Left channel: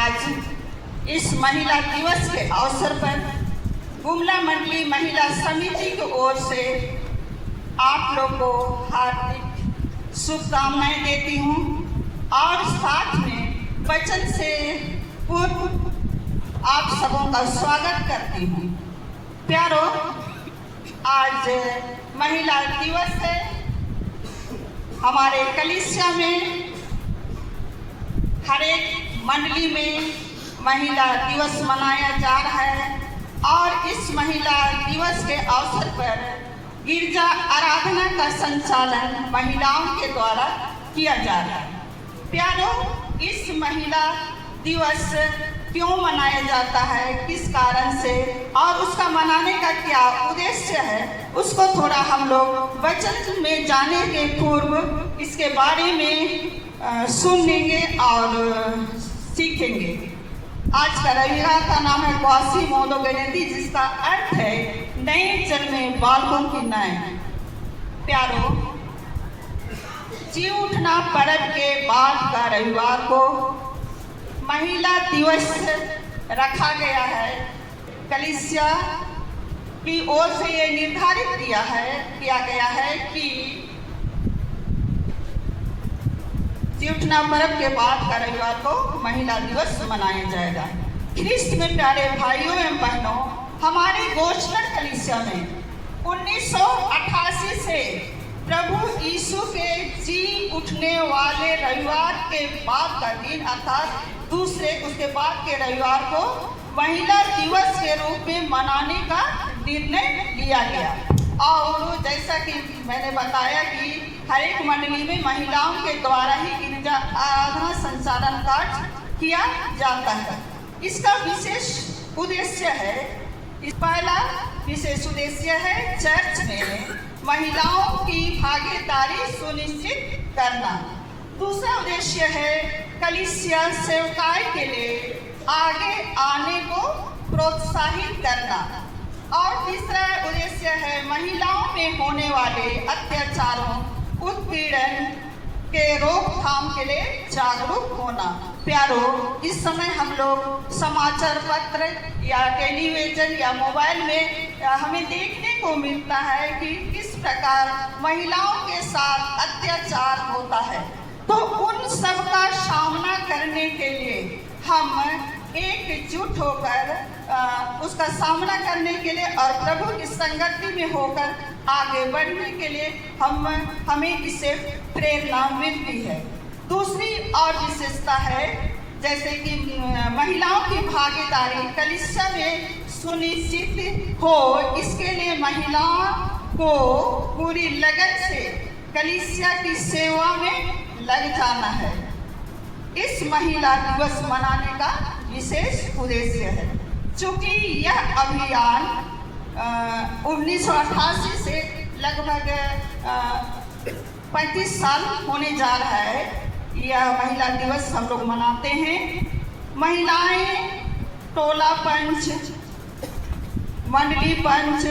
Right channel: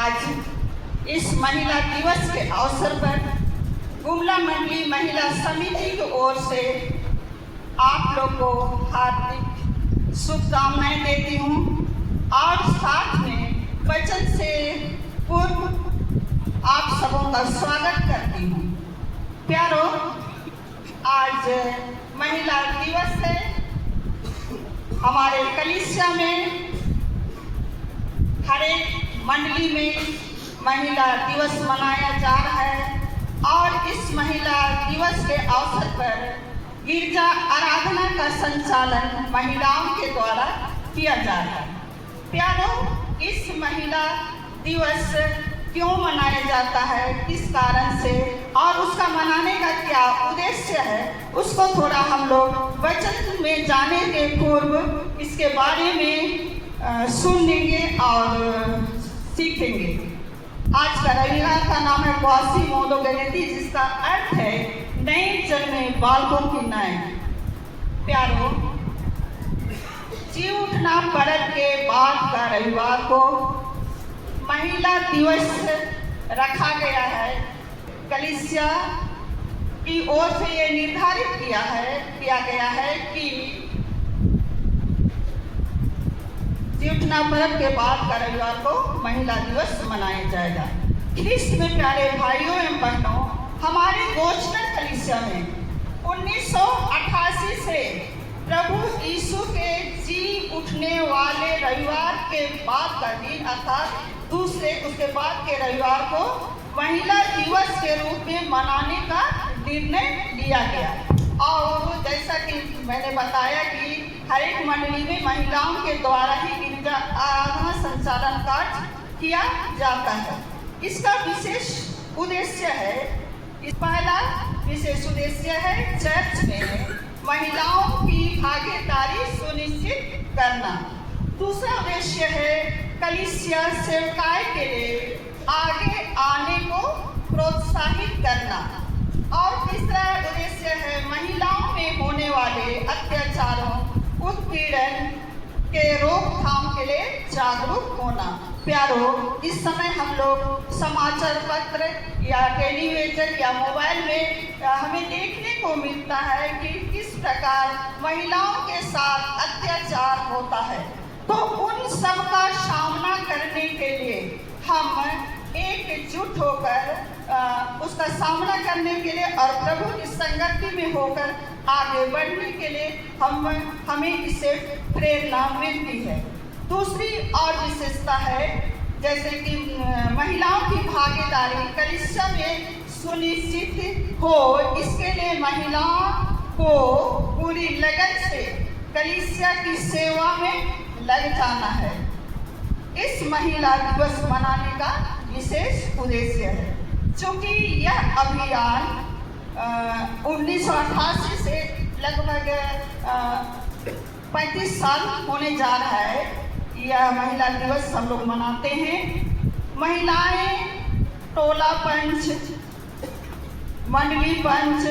आज इस महिला दिवस के अवसर पर गुमला मंडली महिला समिति की ओर से आप लोग को हार्दिक शुभकामनाएं देती हूँ और साथ में वचन से पूर्व आप सबों का स्वागत करती हूँ। प्यारो, आज महिला दिवस है। हमारे कलीसिया में हर एक मंडली में महिला दिवस मनाया जा रहा है और इस महिला दिवस के अवसर पर गिरजा आराधना का संचालन महिलाओं के द्वारा किया जा रहा है। प्यारो, इस महिला दिवस क्यों मनाया जाता है, किस कारण से और उसका मनाने का क्या उद्देश्य है, उसको थोड़ा हम लोग वचन में जाने के पूर्व इसके बारे में सुनेंगे और सीखेंगे। आज का रविवार का नाम है क्वासी मोदो गणेती, जिसका अर्थ है नए जन्मे बालकों की नए। प्यारो, जी उठना पर्व के बाद का रविवार को महिला दिवस रखा गया है। कलीसिया की ओर से ये निर्धारित किया गया है कि जी उठना पर्व के बाद का रविवार को महिला दिवस मनाया जाएगा। ख्रिस्त में प्यारे भाइयों एवं बहनों, हमारे गोचनर कलीसिया में 1988 से प्रभु यीशु के जी उठने वाले रविवार के बाद का दिन अर्थात उसके बाद के रविवार को महिला दिवस के रूप में मनाने का निर्णय लिया गया। और जैसा कि मैंने बताया कि हर एक मंडली में महिलाओं के द्वारा ही गिरजा आराधना संचालन कार्य किया जाता है। इसका विशेष उद्देश्य है, पहला विशेष उद्देश्य है चर्च में महिलाओं की भागीदारी सुनिश्चित करना। दूसरा उद्देश्य है कलीसिया सेवकाई के लिए आगे आने को प्रोत्साहित करना। और तीसरा उद्देश्य है महिलाओं में होने वाले अत्याचारों, उत्पीड़न के रोकथाम के लिए जागरूक होना। प्यारो, इस समय हम लोग समाचार पत्र या टेलीविजन या मोबाइल में हमें देखने को मिलता है कि किस प्रकार महिलाओं के साथ अत्याचार होता है। तो उन सब का सामना करने के लिए हम एकजुट होकर उसका सामना करने के लिए और प्रभु की संगति में होकर आगे बढ़ने के लिए हमें इससे प्रेरणा मिलती है। दूसरी और विशेषता है, जैसे कि महिलाओं की भागीदारी कलीसिया में सुनिश्चित हो, इसके लिए महिलाओं को पूरी लगन से कलीसिया की सेवा में लग जाना है। इस महिला दिवस मनाने का विशेष उद्देश्य है। चूंकि यह अभियान 1988 से लगभग 35 साल होने जा रहा है, यह महिला दिवस हम लोग मनाते हैं। महिलाएं टोला पंच, मंडली पंच,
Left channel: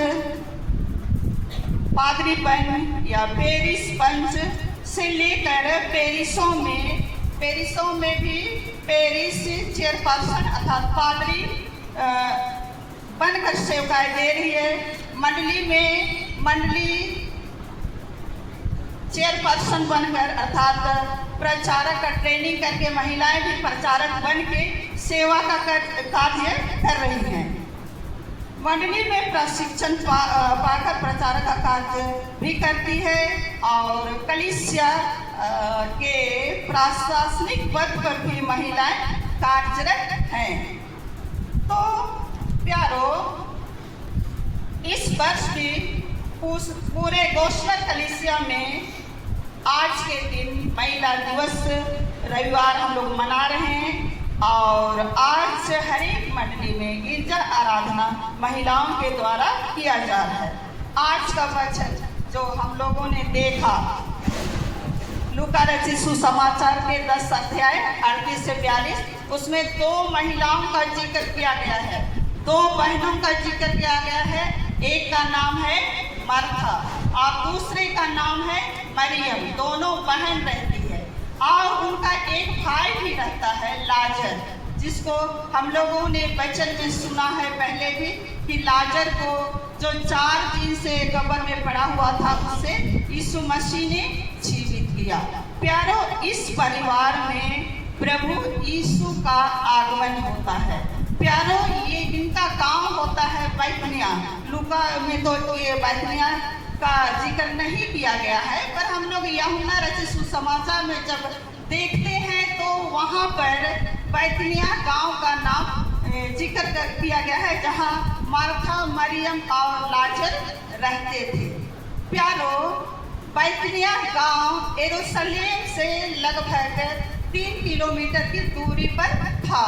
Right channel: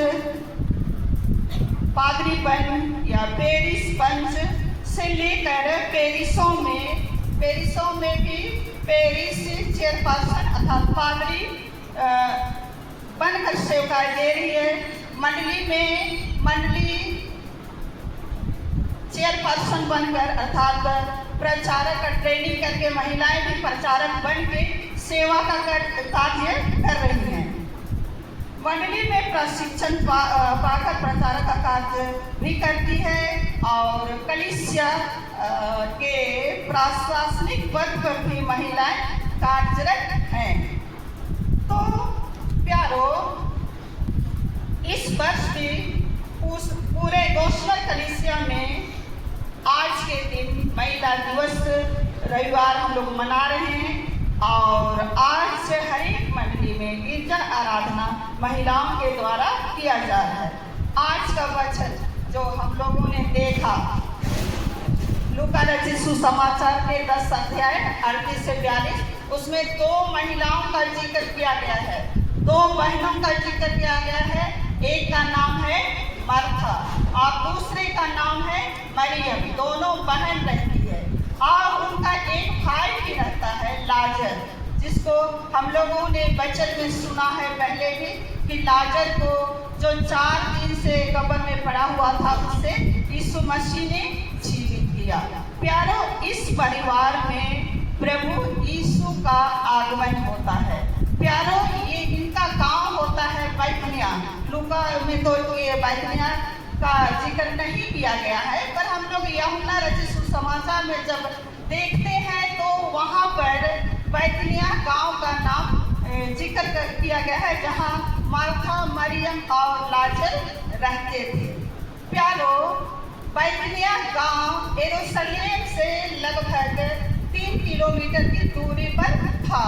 पादरी पंच या पेरिस पंच से लेकर पेरिसों में भी पेरिस चेयरपर्सन अर्थात पादरी बनकर सेवाएं दे रही है। मंडली में मंडली चेयरपर्सन बनकर अर्थात प्रचारक का ट्रेनिंग करके महिलाएं भी प्रचारक बन के सेवा का कार्य कर रही हैं। मंडली में प्रशिक्षण पाकर प्रचारक का कार्य भी करती है और कलीसिया के प्रशासनिक पद पर भी महिलाएं कार्यरत हैं। तो प्यारो, इस वर्ष भी पूरे गोचनर कलीसिया में आज के दिन महिला दिवस रविवार हम लोग मना रहे हैं और आज हर एक मंडली में गिरजा आराधना महिलाओं के द्वारा किया जा रहा है। आज का वचन जो हम लोगों ने देखा, लूका रचित सुसमाचार के 10 अध्याय 38 से 42, उसमें 2 महिलाओं का जिक्र किया गया है, 2 बहनों का जिक्र किया गया है। एक का नाम है मार्था और दूसरे का नाम है मरियम। दोनों बहन रहती है और उनका एक भाई भी रहता है लाजर, जिसको हम लोगों ने वचन में सुना है पहले भी कि लाजर को जो 4 दिन से कब्र में पड़ा हुआ था उससे यीशु मसीह ने जीवित किया। प्यारो, इस परिवार में प्रभु यीशु का आगमन होता है। प्यारो, ये इनका काम होता है बैतनिया। लूका में तो ये बैतनिया का जिक्र नहीं किया गया है, पर हम लोग यूहन्ना रचित सुसमाचार में जब देखते हैं तो वहाँ पर बैतनिया गांव का नाम जिक्र किया गया है, जहाँ मार्था, मरियम और लाजर रहते थे। प्यारो, बैतनिया गांव यरूशलेम से लगभग 3 किलोमीटर की दूरी पर था।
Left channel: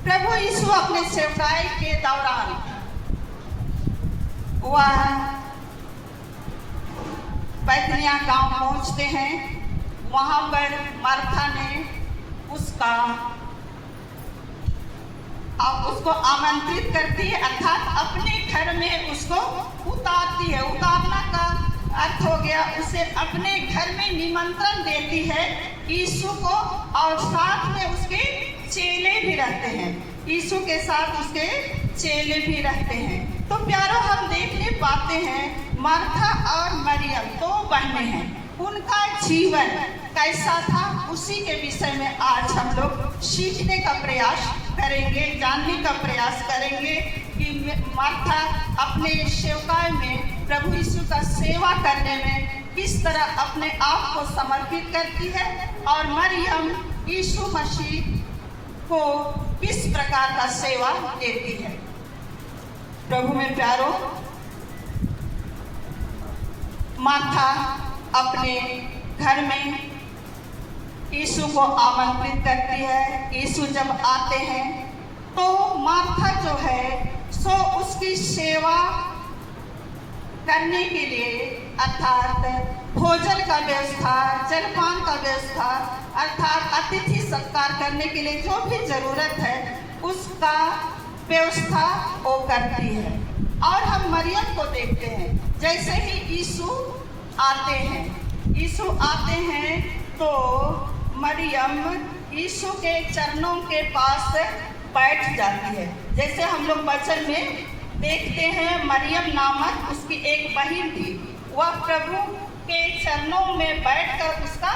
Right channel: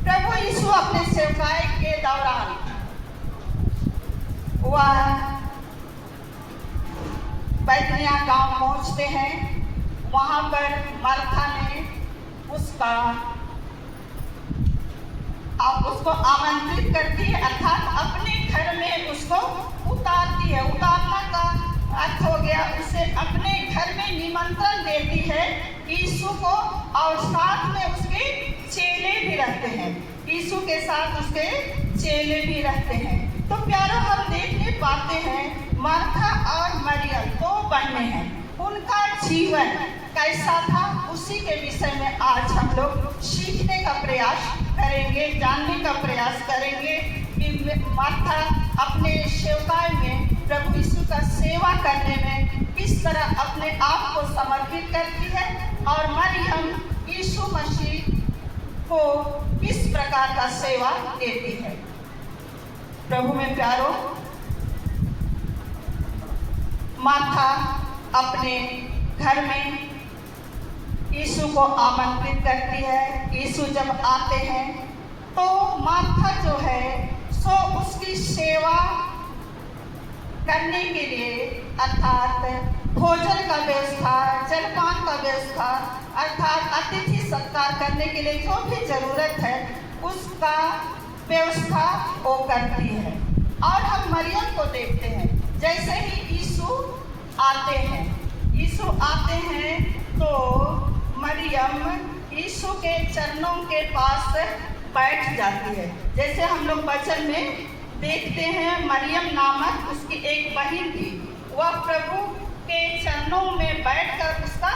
प्रभु यीशु अपने सेवकाई के दौरान वह बैतनिया गांव पहुंचते हैं। वहां पर मार्था ने उसको आमंत्रित करती है, अर्थात अपने घर में उसको उतारती है। उतारना का अर्थ हो गया उसे अपने घर में निमंत्रण देती है यीशु को, और साथ में उसके चेले भी रहते हैं। यीशु के साथ उसके चेले भी रहते हैं। तो प्यारो, हम देखने पाते हैं मार्था और मरियम 2 बहनें हैं। उनका जीवन कैसा था उसी के विषय में आज हम लोग सीखने का प्रयास करेंगे, जानने का प्रयास करेंगे कि मार्था अपने सेवकाई में प्रभु यीशु का सेवा करने में किस तरह अपने आप को समर्पित करती है, और मरियम यीशु मसीह को किस प्रकार का सेवा देती है। प्रभु में प्यारो, मार्था अपने घर में यीशु को आमंत्रित करती है। यीशु जब आते हैं तो मार्था जो है सो उसकी सेवा करने के लिए, अर्थात भोजन का व्यवस्था, जलपान का व्यवस्था, अर्थात अतिथि सत्कार करने के लिए जो भी जरूरत है उसका व्यवस्था वो करती है। और हम मरियम को देखते हैं, जैसे ही यीशु आते हैं तो मरियम यीशु के चरणों के पास बैठ जाती है। जैसे हम लोग वचन में देखते हैं, मरियम नामक उसकी एक बहन थी, वह प्रभु के चरणों में बैठकर उसका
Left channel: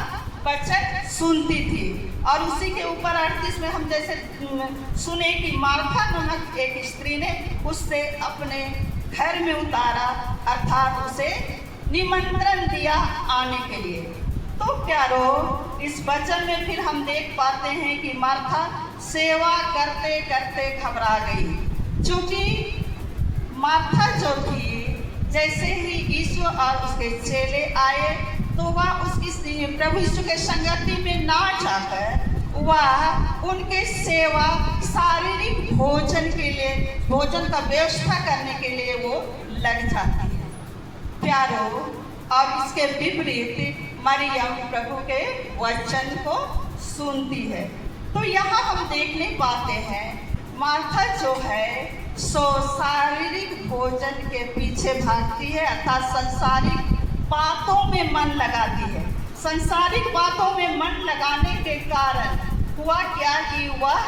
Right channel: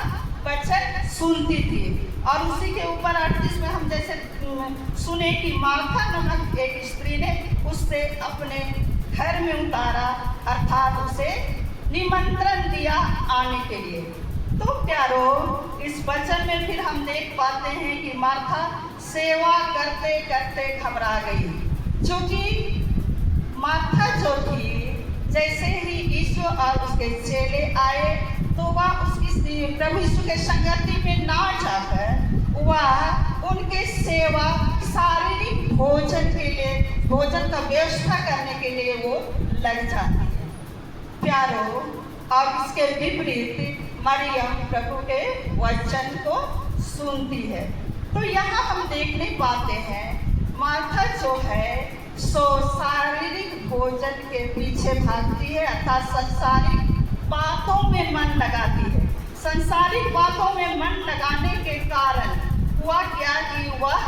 वचन सुनती थी। और उसी के ऊपर 38 में हम जैसे सुने कि मार्था नामक एक स्त्री ने उससे अपने घर में उतारा, अर्थात उसे निमंत्रण दिया आने के लिए। तो प्यारो, इस वचन में फिर हम देख पाते हैं कि मार्था सेवा करते करते घबरा गई, क्योंकि मार्था जो थी, जैसे ही यीशु और उसके चेले आए तो वह उसकी प्रभु यीशु के संगति में ना जाकर वह उनके सेवा, शारीरिक भोजन के लिए, भोजन का व्यवस्था करने के लिए वो लग जाती है। प्यारो, और इसके विपरीत मरियम प्रभु के वचन को सुनती है। तो यहाँ हम देखने पाते हैं मार्था जो है सो शारीरिक भोजन के पीछे भागती है, अर्थात संसारिक बातों में मन लगाती है। संसारिक बातों में मन लगाने के कारण हुआ क्या कि वह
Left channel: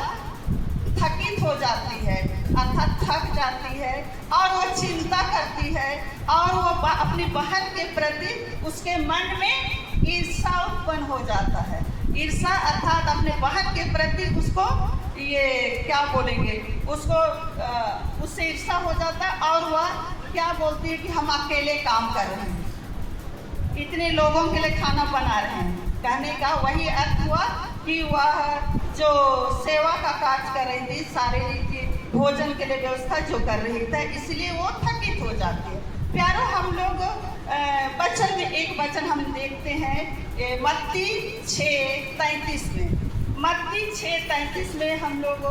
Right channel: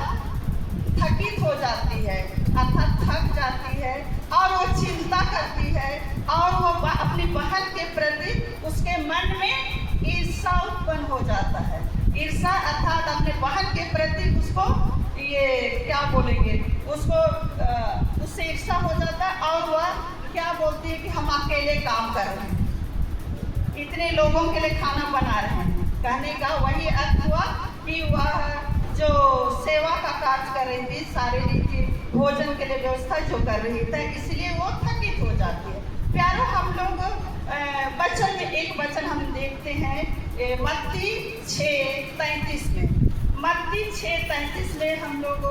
थकित हो जाती है, अर्थात थक जाती है, और वो चिंता करती है, और वो अपनी बहन के प्रति उसके मन में ईर्षा उत्पन्न हो जाता है। ईर्षा अर्थात अपने बहन के प्रति उसको ये क्या बोलेंगे, उसको उससे ईर्षा हो जाता है, और वह क्या बोलती है कि हम अकेले काम कर रहे हैं, इतने लोगों के लिए खाना बना रहे हैं। कहने का वही अर्थ हुआ कि वह जो सेवा का कार्य कर रही थी, शारीरिक भोजन के लिए व्यवस्था जो कर रही थी, इसलिए वो थकित हो जाती है। प्यारो, हम लोग वचन में एक वचन हम देखते हैं मत्ती 6:33 में। मत्ती 6:33 में हम लोग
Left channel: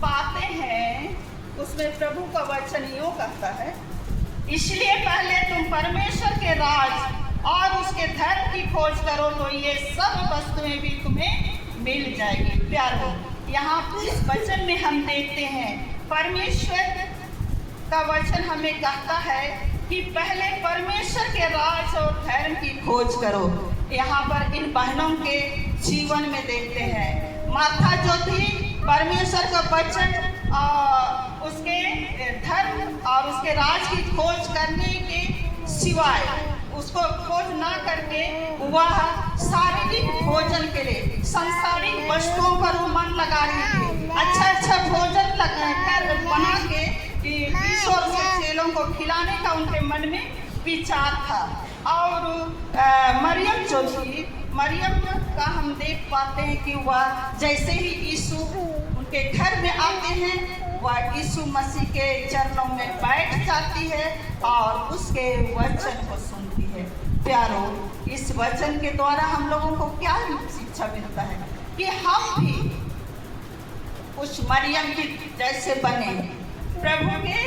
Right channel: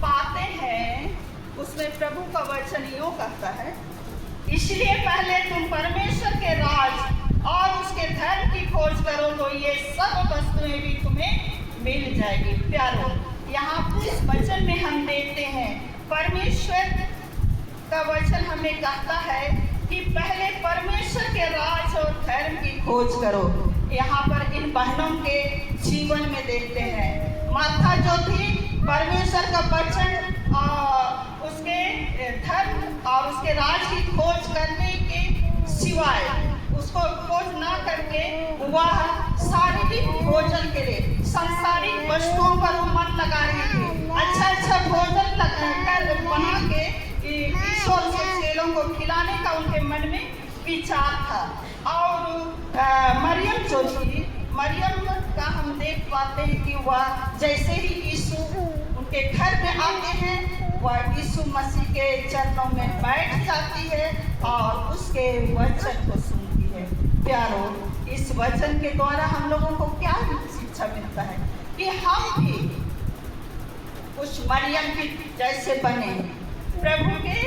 पाते हैं, उसमें प्रभु का वचन यूँ कहता है, इसलिए पहले तुम परमेश्वर के राज और उसके धर्म की खोज करो तो ये सब वस्तुएं भी तुम्हें मिल जाएगी। प्यारो, यहाँ इस वचन में हम देखते हैं परमेश्वर का वचन हमें कहता है कि पहले परमेश्वर के राज और धर्म की खोज करो। यहाँ पर इन बहनों के जीवन में देखते हैं, मार्था जो थी परमेश्वर का वचन उसके धर्म और उसके राज की खोज करने के सिवाय उसको खोज ना करके वह शारीरिक भोजन के लिए सांसारिक वस्तुओं पर वो मन लगा रही थी। अच्छा भोजन कर बना के ईश्वर के चेलों को खिलाने का उनके मन में विचार था। और मरियम जो थी, मरियम का हम देख पाते हैं कि वह जैसे ही यीशु उनके घर में आते हैं, वह यीशु मसीह के चरणों में बैठ जाती है और उसके वचन को सुनती है। प्यारो, इस वचन के द्वारा हम लोगों को क्या शिक्षा मिलता है कि हम भी उस मरियम की जैसे बने, प्रभु के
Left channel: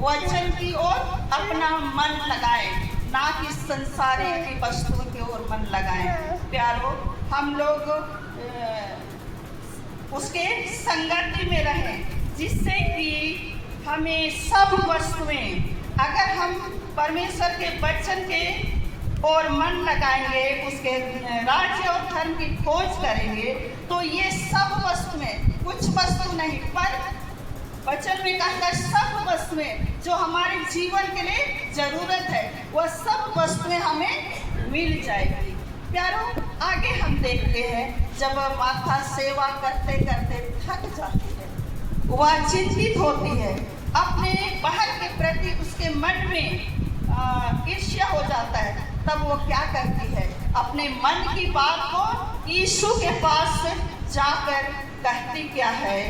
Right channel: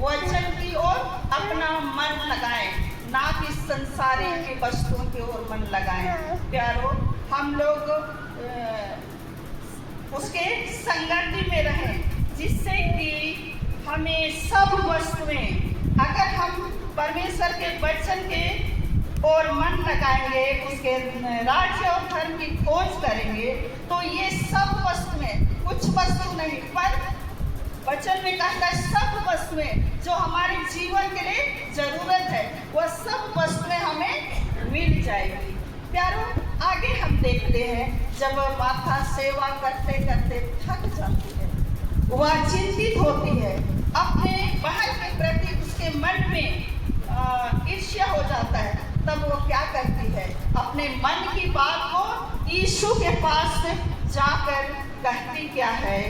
वचन की ओर अपना मन लगाएं, ना कि संसारिक वस्तुओं की ओर मन लगाएं। प्यारो, हम लोग उसके संगति में रहें, जिससे कि हमें सब वस्तुएं, अगर हम परमेश्वर के वचन के और मन लगाएंगे, उसके राज्य और धर्म की खोज करेंगे, तो ये सब वस्तुएं, कुछ वस्तु नहीं पर वचन में कहता है सब वस्तुएं जो हमारे जीवन के लिए जरूरत है, वह सब वस्तुएं हमें मिल जाएगी। प्यारो, आगे हम देखते हैं जब माता सेवा करते करते थक जाती है, वह चिंतित होती है, अपने बहन के प्रति उसके मन में ईर्ष्या हो जाता है, तब वो क्या करती है, अपने मन की बात को यीशु के पास जाकर कहती क्या है।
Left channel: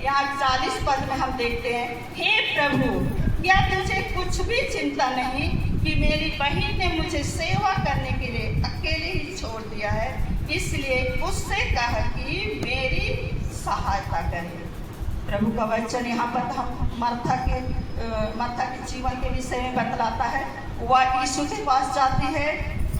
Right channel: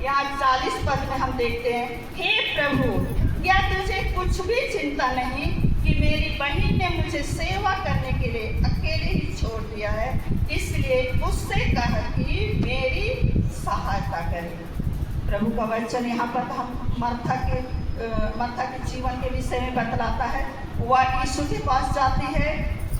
यहाँ 40 पद में हम देखते हैं, हे प्रभु, क्या तुझे कुछ भी चिंता नहीं कि मेरी बहन ने मुझे सेवा करने के लिए अकेले ही छोड़ दिया है, इसलिए उससे कह कि मेरी सहायता करे। प्रभु का वचन यहाँ पर हम मार्था के जीवन के विषय में बतलाता है। वह यीशु के पास जाती है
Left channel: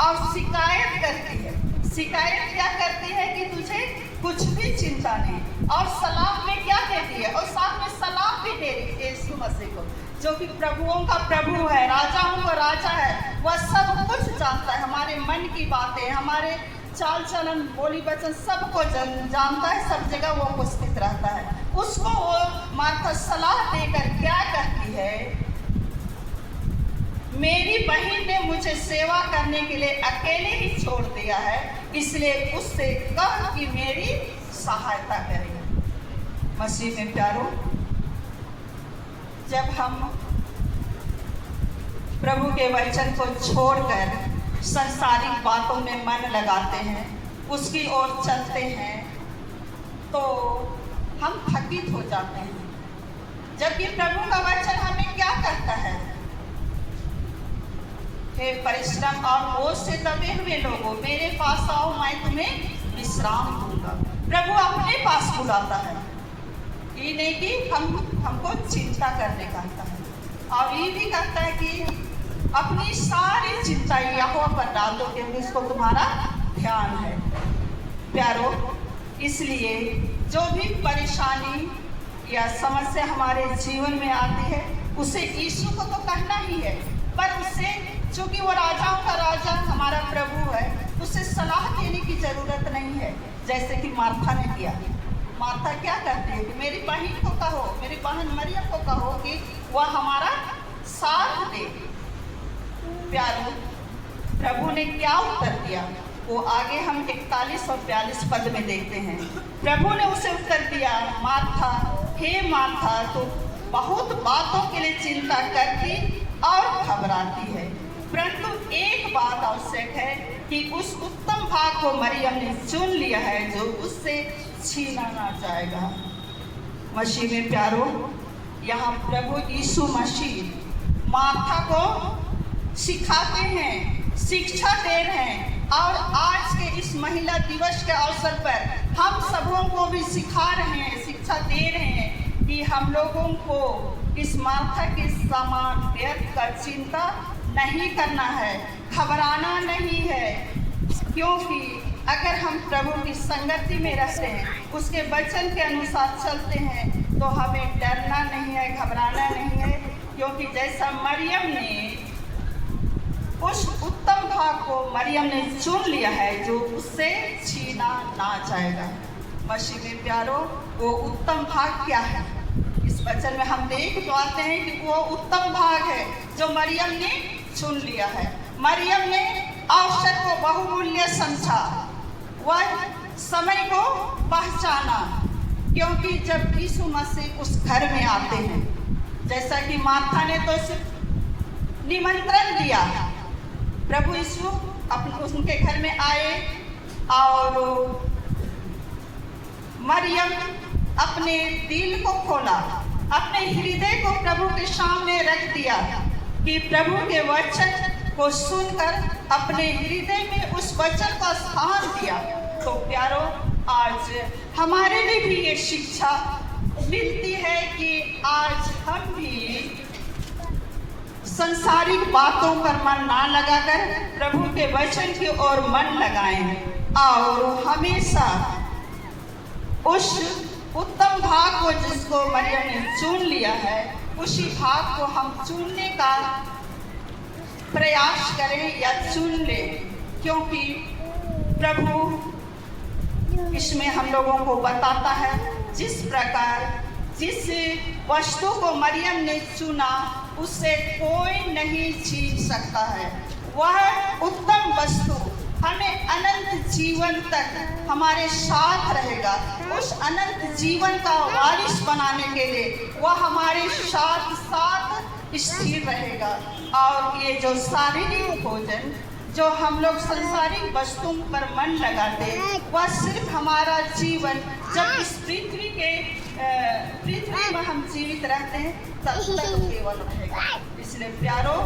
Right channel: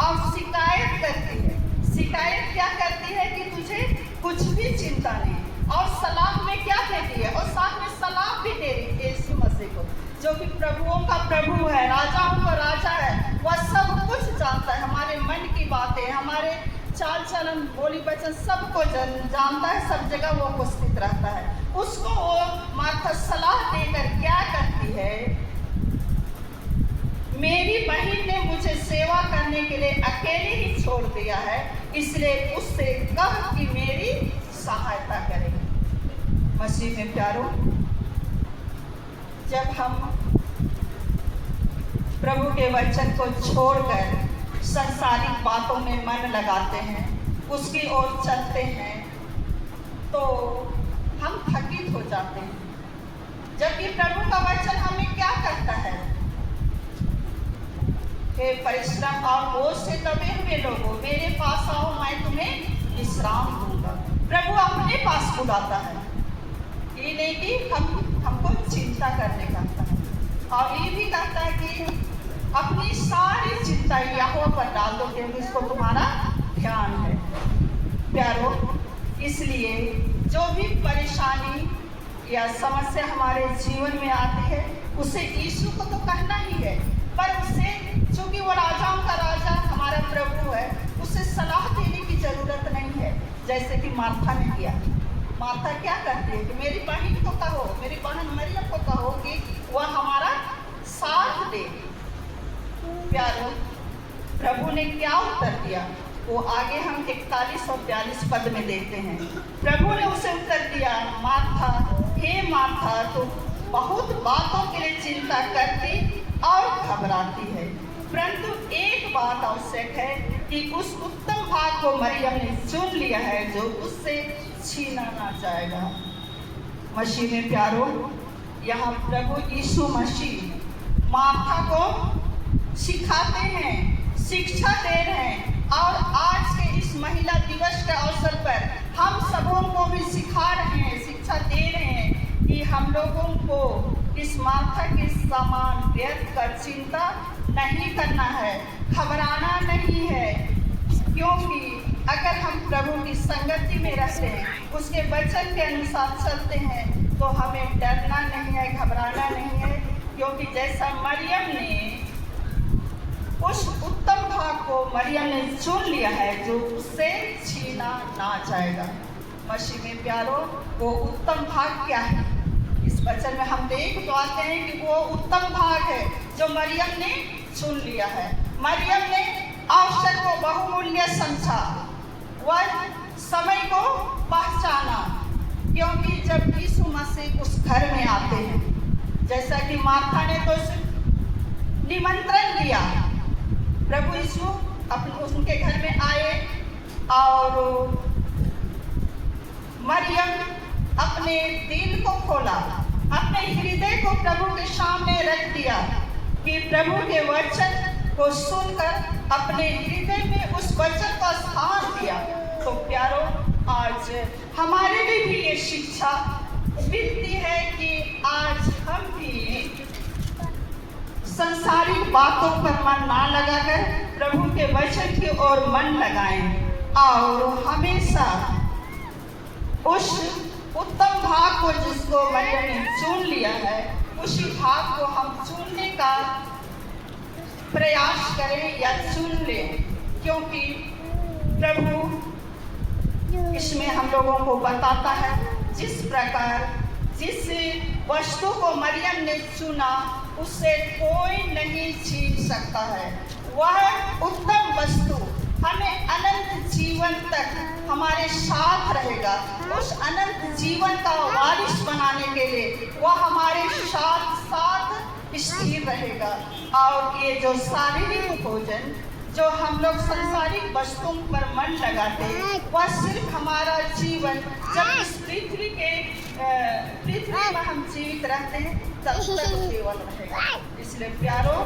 और शिकायत करती है। शिकायत क्या करती है कि तुझे कुछ भी चिंता नहीं, और सलाम में क्या कहती है, और साथ में सलाम भी दे रही है यीशु मसीह को, जो कि प्रभुओं का प्रभु है, राजाओं का राजा है। वह सब कुछ जानता है, हमारे मन की बातें, हमारे चाल चलन, बोली वचन सबको जानता है, सब जगह वो उपस्थित रहता है। उसको वो माता सलाह देकर क्या कहती है, मेरी बहन ने मुझे सेवा करने के लिए अकेले ही छोड़ दिया है, इसलिए उससे कह कि मेरी सहायता करे। मसीह में प्यारो, जब हम प्रभु के वचन को छोड़कर संसारिक बातों में मन लगाते हैं, उसकी ओर चलते हैं, तो हम थकित हो जाते हैं। जबकि प्रभु का वचन हमें क्या कहता है, हे परिश्रम और बोझ से दबे हुए लोगों, मेरे पास आओ, मैं तुम्हें विश्राम दूंगा। प्रभु अपने पास बुलाता है, ये नहीं कि हमको चिंता करने कहता है, और ये भी कहता है कि अपनी सारी चिंता यहोवा पर डाल दो, क्योंकि उसको तुम्हारा ध्यान है। प्यारो, इसलिए जो भी परेशानी या समस्या हमारे जीवन में आती है, उसे यीशु को तो कहना ही है, पर उसे, चूंकि वो राजाओं का राजा हमारा प्रभु है, उसे सलाह देने की जरूरत नहीं है, जैसे कि मार्था ने किया। मार्था क्या करती है कि मेरी बहन को कहो, मेरी बहन मरियम को कहो कि वह हमारा साथ दे। प्यारो, प्रभु ने क्या उत्तर दिया, वो आगे हम 41 और 42 पद में देखते हैं। प्रभु ने उसे उत्तर दिया, मार्था, हे मार्था, तो बहुत बातों के लिए चिंता करती और घबराती है, परंतु एक बात आवश्यक है कि उस उत्तम भाग को मरियम ने चुन लिया है, जो उससे छीना ना जाएगा। मसीह में प्यारो, यहाँ प्रभु यीशु मसीह मार्था को सिखाते हैं, शिक्षा दे रहे हैं, और आज के इस महिला दिवस के अवसर पर हम सबों को भी सिखा रहे हैं, शिक्षा दे रहे हैं कि हम लोगों को इस मार्था के समान व्यर्थ का चिंता नहीं करना है, घबराना नहीं है, क्योंकि अगर हम प्रभु की संगति में रहते हैं, उसके वचन के अनुसार चलते हैं, तो हमें डरना नहीं है, घबराना नहीं है, क्योंकि जैसा मरियम ने उस उत्तम भाग को मरियम ने चुन लिया है, जो उससे छीना ना जाएगा। मसीह में प्यारो, वो उत्तम भाग क्या है? इस वचन में हम देख पाते हैं कि वो उत्तम भाग है जो मरियम ने चुन लिया है। मरियम ने अवसर को बहुमूल्य समझा, वह समय को पहचाना, क्योंकि जब यीशु मसीह उस घर में आते हैं, जैसा कि मार्था ने तो निमंत्रण दिया, प्रभु यीशु उनके घर में आए और मरियम अपने दिल को खोला, अपने हृदय को प्रभु के सामने रख दिया कि प्रभु के वचन को सुनकर अपने हृदय में उस वचन का स्थान दिया। तो प्यारो, आज हमारे लिए भी ये शिक्षा मिलती है कि आज हम भी सांसारिक बातों पर मन ना लगाकर प्रभु के वचन की ओर मन लगाएं और हमेशा उस उत्तम भाग को जिसको मरियम ने चुन लिया है, उसी भाग को हम चुनने का प्रयास करें या चुन लें, क्योंकि प्रभु इसमें हम लोगों को बताता है जिस प्रकार जिस वस्तु को मरियम ने चुना उससे कोई नहीं छीन सकता है। वह उत्तम वस्तु हमें अनंत जीवन तक हमारे साथ रहेगा। उस अनंत जीवन का वारिस बनाने के लिए वह हमारे साथ साथ स्थिर रहेगा। और ये जो शारीरिक भोजन जो हम लोग सांसारिक वस्तुओं पर मन लगाते हैं, वह सिर्फ हमारा जीवन जब इस पृथ्वी में हम जीवित रहते हैं तब तक केवल रहेगा। इसलिए प्यारो,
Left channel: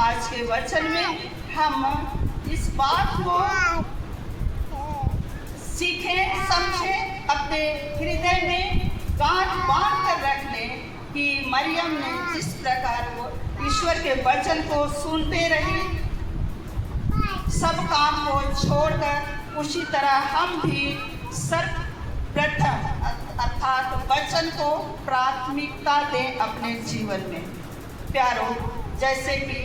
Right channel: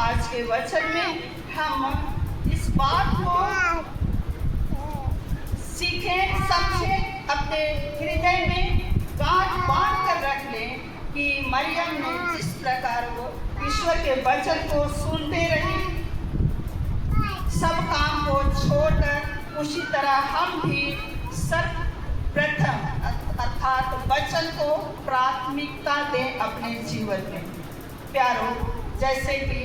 आज के वचन में हम इस बात को सीखें, समझें, अपने हृदय में गांठ बांध कर रख लें कि मरियम ने जिस प्रकार वो ईश्वर के वचन को सुनते रही, सब काम को छोड़कर, उसी तरह हम भी सर्वप्रथम अर्थात वचन को प्राथमिकता दें अपने जीवन में। प्यारो, जैसे कि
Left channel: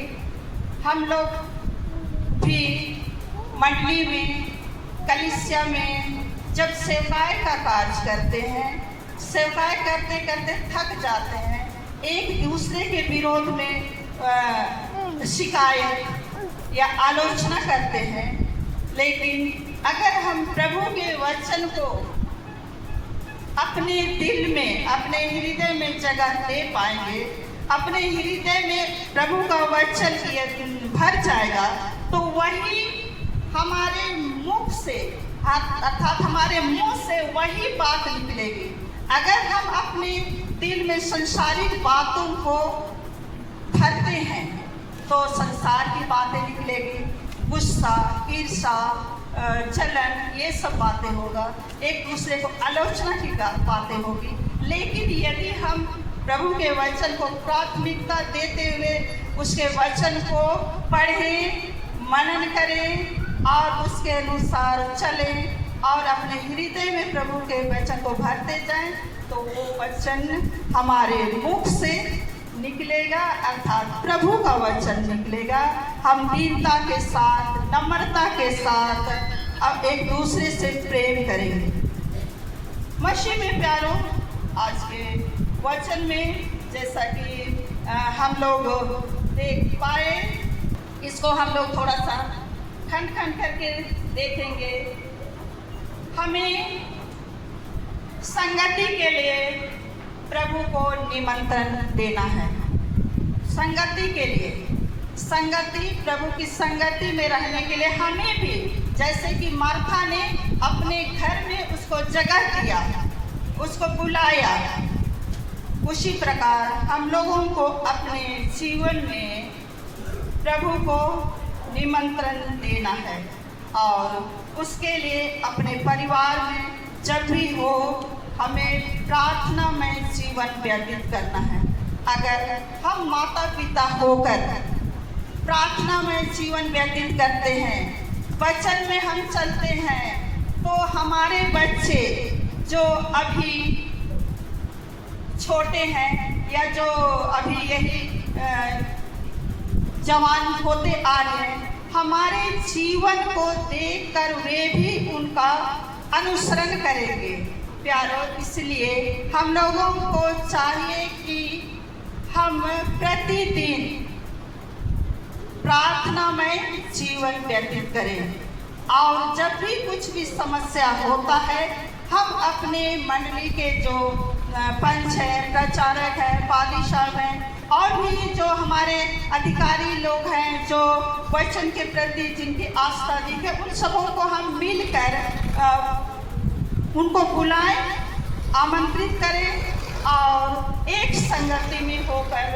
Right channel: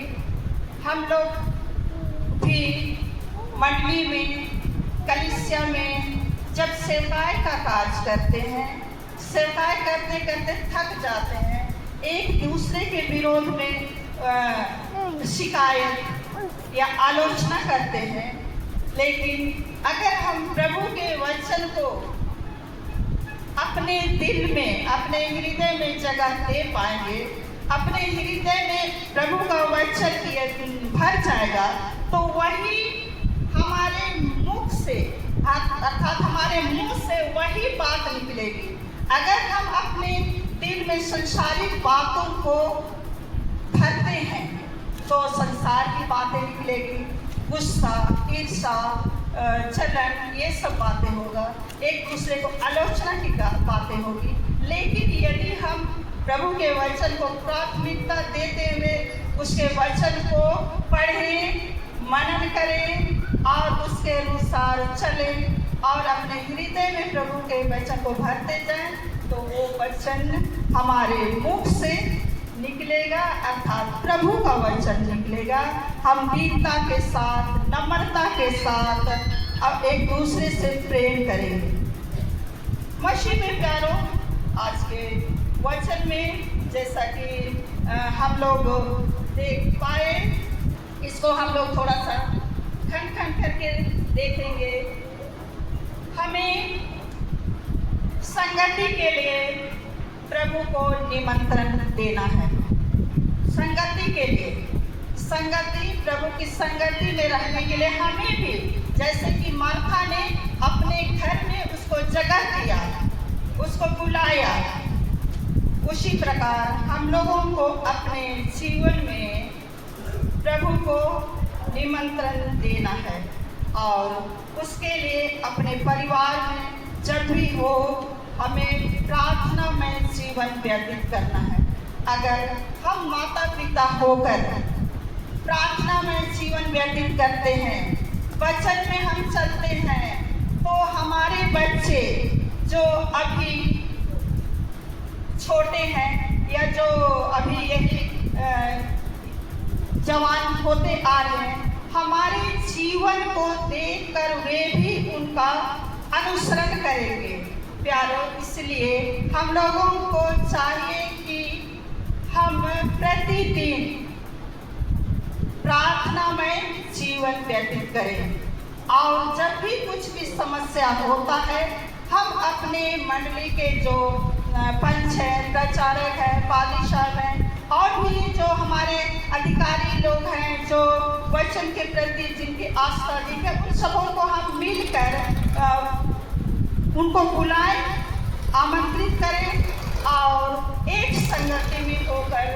हम लोग भी मंडली में, कलीसिया में जब सेवाएं का कार्य करते हैं, सेवाएं करते करते थक जाते हैं, एक दूसरे के विरोध में शिकायत या आलोचना करते हैं, लेकिन अगर हम प्रभु के वचन को अपने दिल में, अपने हृदय में जगह दे पाएंगे, अपने हृदय में प्रभु का वचन भर जाएगा, तो वही हमारे मुख से अर्थात हमारे मुंह से वही बात निकलेगी। अगर हम अपने दिल में संसारिक बातों को भरते हैं तो संसार की बातें निकलेगी, गुस्सा, ईर्ष्या, जलन, ये सब बातें होगा, एक दूसरे को आलोचना की बातें होगी। लेकिन यदि हम प्रभु के वचन को प्राथमिकता देते हुए उसके वचन को पढ़ें, मनन करें और उसके अनुसार चलें और अपने हृदय में प्रभु के वचन को भरते जाएं, तो वो वचन हमारे मुख से निकलेगा, अर्थात प्रभु का वचन निकलेगा। हम दीनता के साथ, नम्रता के साथ अब एक दूसरे से प्रेम करेंगे। मसीह में प्यारो, आज के वचन में जैसा कि हम लोग देख पाए, इसको हम लोग थोड़ा सा खंड खंड करके देखेंगे। हमें संगति के लिए प्रभु को निमंत्रण देना है। संगति के लिए, संगति, प्रभु की संगति में रहने के लिए हमें भी, जैसे कि मार्था ने अपने घर में उसको जगह दिया, उसको बुलाया, उसी प्रकार हम लोगों को अपने जीवन में प्रभु को निमंत्रण देना है। और उसके लिए अपने परिवार में जब भी हो, हमें प्रार्थना में जीवन व्यतीत करना है। अगर हम माता पिता होकर प्रार्थना में जीवन व्यतीत करते हैं, वचन में हम चलते हैं, तो हमारे बच्चे जो अभी छोटे हैं या जो अभी यही जवान होते आ रहे हैं, हमारे जीवन को देखकर वे भी उनका अनुसरण करेंगे। प्यारो, इसलिए हम लोगों को चाहिए कि हम प्रतिदिन प्रार्थनामय जीवन व्यतीत करें और जब भी कुछ भी समस्या होता है हम अपने मंडली के जो पंच हैं, प्रचारक हैं, पादी साहब हैं और भी जो हमारे अधिकारी लोग हैं जो वचन के प्रति जिनकी आस्था दी है, उन सबों को हम मिलकर उनको बुलाएं, आमंत्रित करें और एक संगति में होकर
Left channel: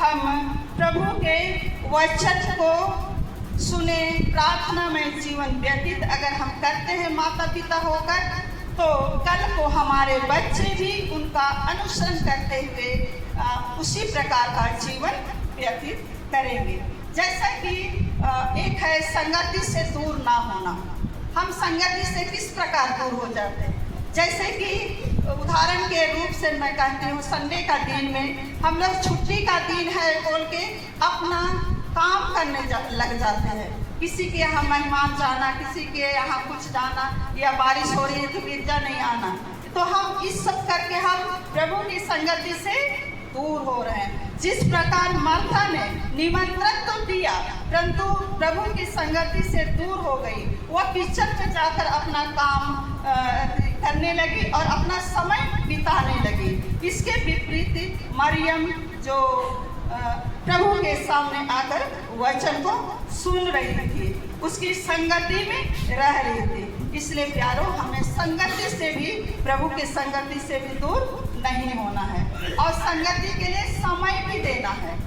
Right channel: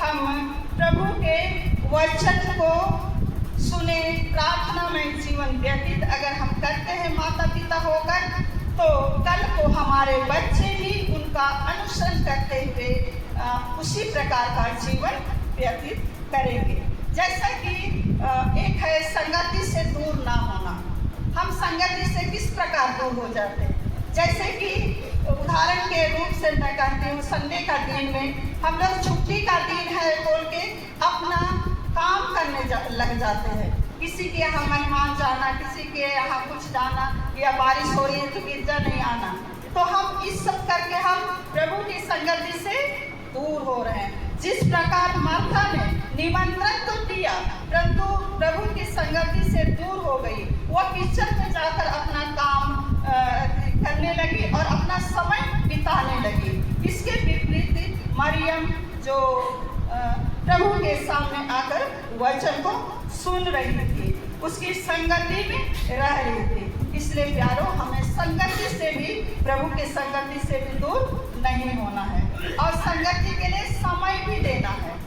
हम प्रभु के वचन को सुने, प्रार्थना में जीवन व्यतीत अगर हम करते हैं माता पिता होकर, तो कल को हमारे बच्चे भी उनका अनुसरण करते हुए उसी प्रकार का जीवन व्यतीत करेंगे। जैसा कि एक है संगति से दूर ना होना। हम संगति से किस प्रकार दूर हो जाते हैं? जैसे कि उदाहरण के रूप से मैं कहती हूँ, संडे का दिन में हम लोग छुट्टी का दिन है बोल के अपना काम करने लग जाते हैं। किसी के यहाँ मेहमान जाना, किसी के यहाँ कुछ जाना, या बारिश हो रही है तो गिरजा नहीं आना, तो हम इस सब करके हम प्रभु की संगति से दूर हो रहे हैं। जिस प्रकार मार्था ने निमंत्रण तो दिया परंतु प्रभु की संगति से दूर हो गई, वह किचन में जाकर अपना काम करने लगी और अपना समय बिताने लगी। इसके विपरीत मरियम जो प्रभु के सामने आकर वचन को सुन रही थी, उसकी संगति में रह रही थी। इसलिए प्यारो, हमें संगति से भी, प्रभु के संगति से भी दूर नहीं होना है और संगति के लिए समय भी देना है।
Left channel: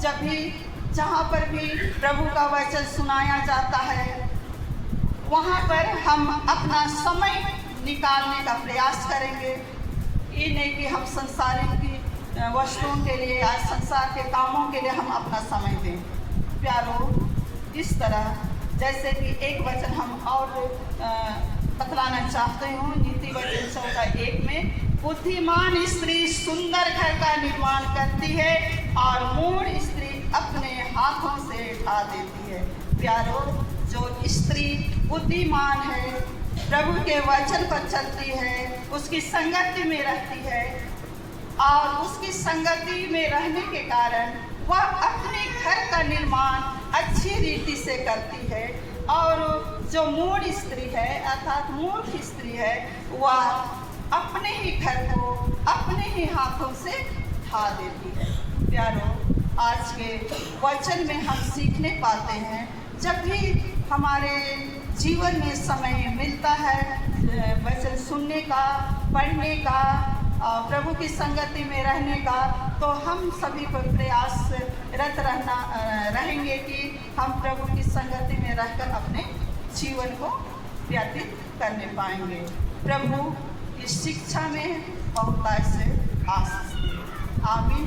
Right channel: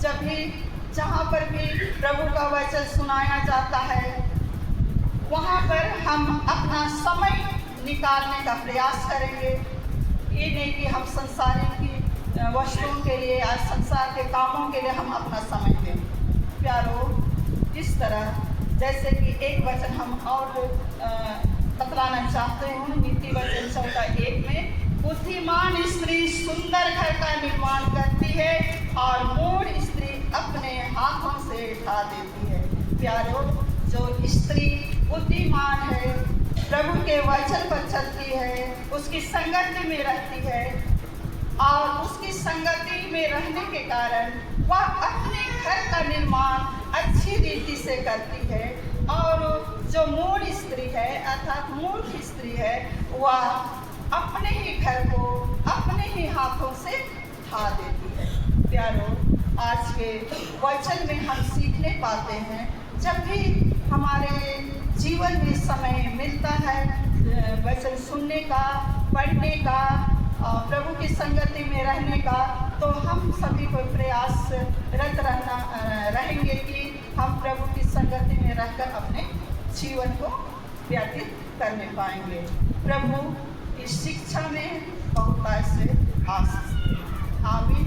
जब भी जहाँ पर भी प्रभु का वचन सुनाया जाता है वहाँ पर हम अपना समय निकालने का प्रयास करेंगे। ये नहीं कि हम संसारिक की वस्तुओं के लिए या संसार के कामों के लिए हम अपना समय दें। प्यारो, इस तरह जैसे कि एक वचन हम और बतलाना चाहते हूँ, नीति वचन 14:1 में, बुद्धिमान स्त्री सुंदर घर का निर्माण करती है और मूढ़ स्त्री अपने हाथों से ढा देती है। प्यारो, जो स्त्री बुद्धिमान है, प्रभु के वचन पर चलती है, उसकी संगति में रहती है और उसकी संगति में रहने के कारण वह अपने घर का निर्माण अच्छी रीति से करती है और जो मूढ़ स्त्री है अर्थात मूर्ख स्त्री है, वह अपने ही घर को अपने ही हाथों से ढा देती है। प्यारो, आज के वचन में हम सीखने पाते हैं, जब भी हमारे जीवन में समय मिलता है वचन सुनने का, पढ़ने का, प्रभु की संगति में रहने का, तो हम सभी को प्रयासरत रहेंगे कि हम प्रभु की संगति में रहकर अपने जीवन को व्यतीत करने पाएंगे। प्रभु की शिक्षा में बहुतायत से आशीष। आमीन।